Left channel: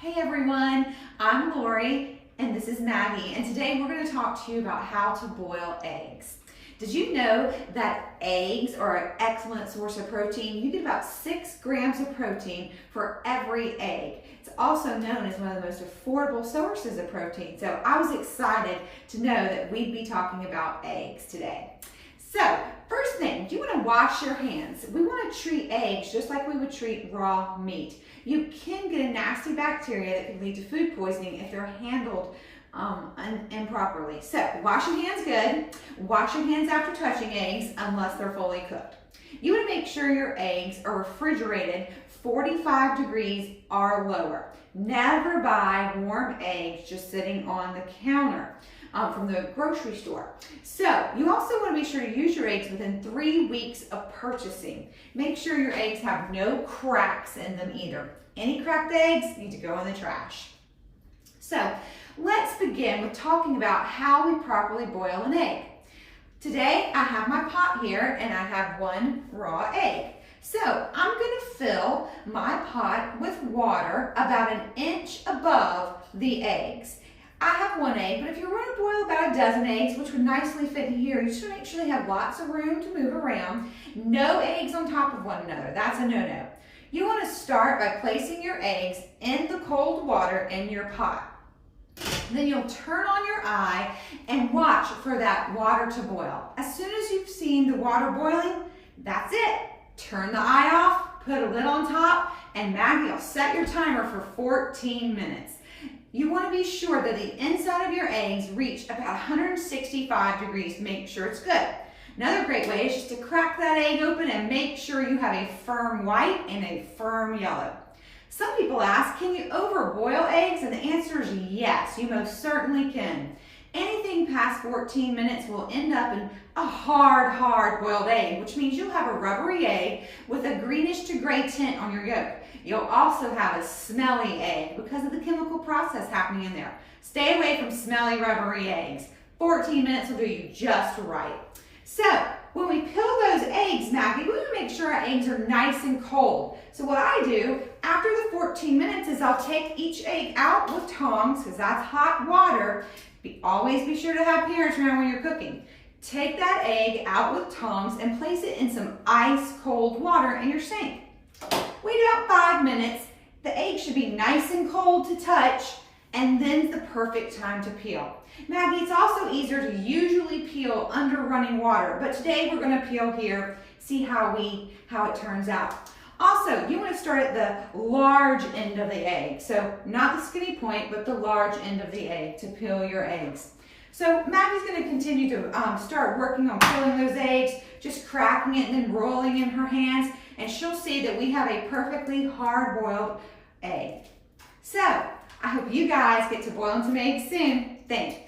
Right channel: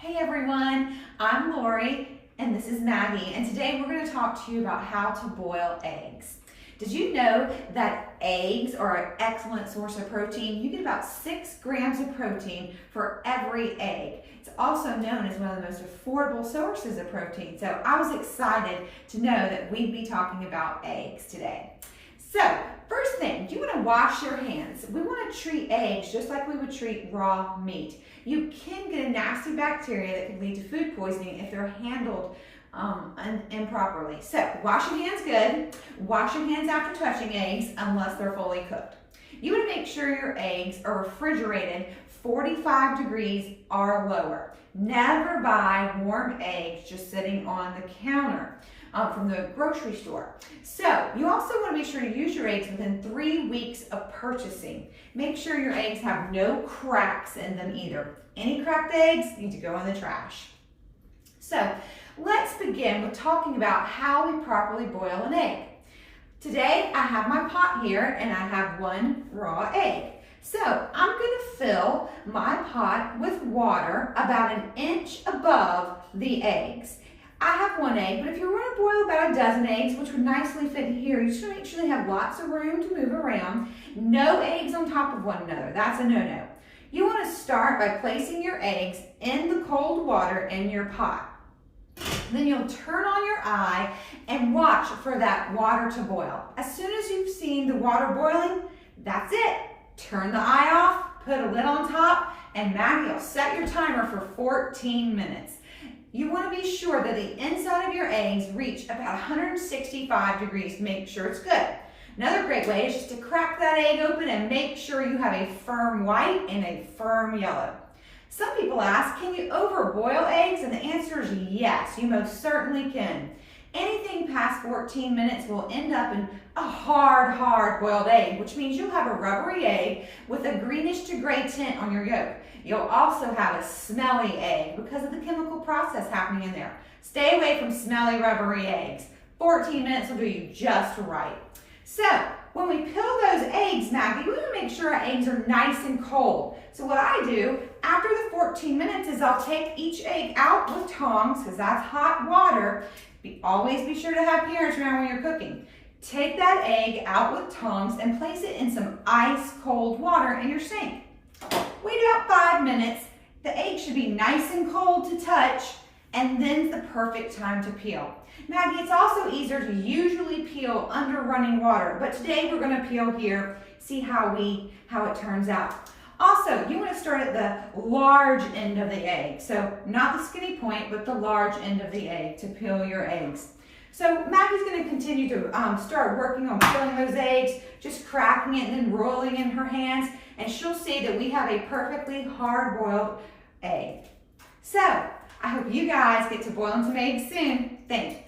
Hey everyone, I'm Lori and this is Maggie, and today we're going to talk to you about how to boil eggs. Did you know that eggs are an excellent source of protein? You get about 6 grams of protein for every egg. It's also known as one of the most affordable sources of protein, so I was excited to know that we'd be talking about eggs today. So, first thing, you want to wash your hands. We want to treat eggs just like we would treat raw meat. You can get a nasty bacteria that can lead to food poisoning if they're handled improperly. So, wash your hands good. Wash your hands after touching eggs unless they're fully cooked. You want to make sure your eggs are refrigerated 45 degrees or lower. Never buy warm eggs just sitting on the counter from the grocery store. So you also want to be sure to use your eggs within 3 weeks of purchasing. Make sure your eggs have no cracks in them either. Any cracked eggs need to go in the trash. So let's begin with talking about how we properly boil an egg. Today I have my pot here and I have 1 raw egg. So I'm going to fill my pot with water about 1 inch above the eggs. I have 1 egg, but if you're going to boil about 12 eggs, which would nicely fit here, you just want to make sure they have lots of room to move around. No eggs on top of one another. That's a no-no. You want to start by placing your eggs in the cold water in your pot. Then you'll turn on your eye and watch for that water to boil. As soon as you've seen the water boiling, that's it. Turn the eye off, put a lid on top, and Maggie will set your timer for 14 minutes. You want to be sure that the inside of your eggs reach about 165 degrees to make sure it's good. Another great way is just to crack that egg open and make sure you have a firm white and a firm yellow. Some people ask, can you overboil eggs? And the answer is yes, you most certainly can. Anything past 14 minutes will end up in a hard boiled egg, which means you'll have a rubbery egg with a greenish to gray tint on your yolk. You'll also have a smelly egg because of the chemical process happening in there. Stay away from smelly, rubbery eggs. 14 minutes will do you just right. So, when we peel those eggs, Maggie, we want to make sure our eggs are nice and cold. So what I do after the 14 minutes is I'll take each egg out with tongs, because that's hot water. Always be sure to have parents around when you're cooking. Take that egg out with tongs and place it in some ice cold water in your sink. Wait about 5 minutes. The egg should be nice and cold to touch, and then the perfect time to peel. Maggie, it's also easier to usually peel under running water, but today we're going to peel here, see how it turns out. Also, you want to start at the large end of the egg. So not the skinny point, but the large end of the egg to peel your eggs. So Maggie's going to continue to start working on peeling those eggs, just cracking it and then rolling in her hands, and she'll see that we have a perfectly hard-boiled egg. So I hope you guys get to boiling some eggs soon. Thanks.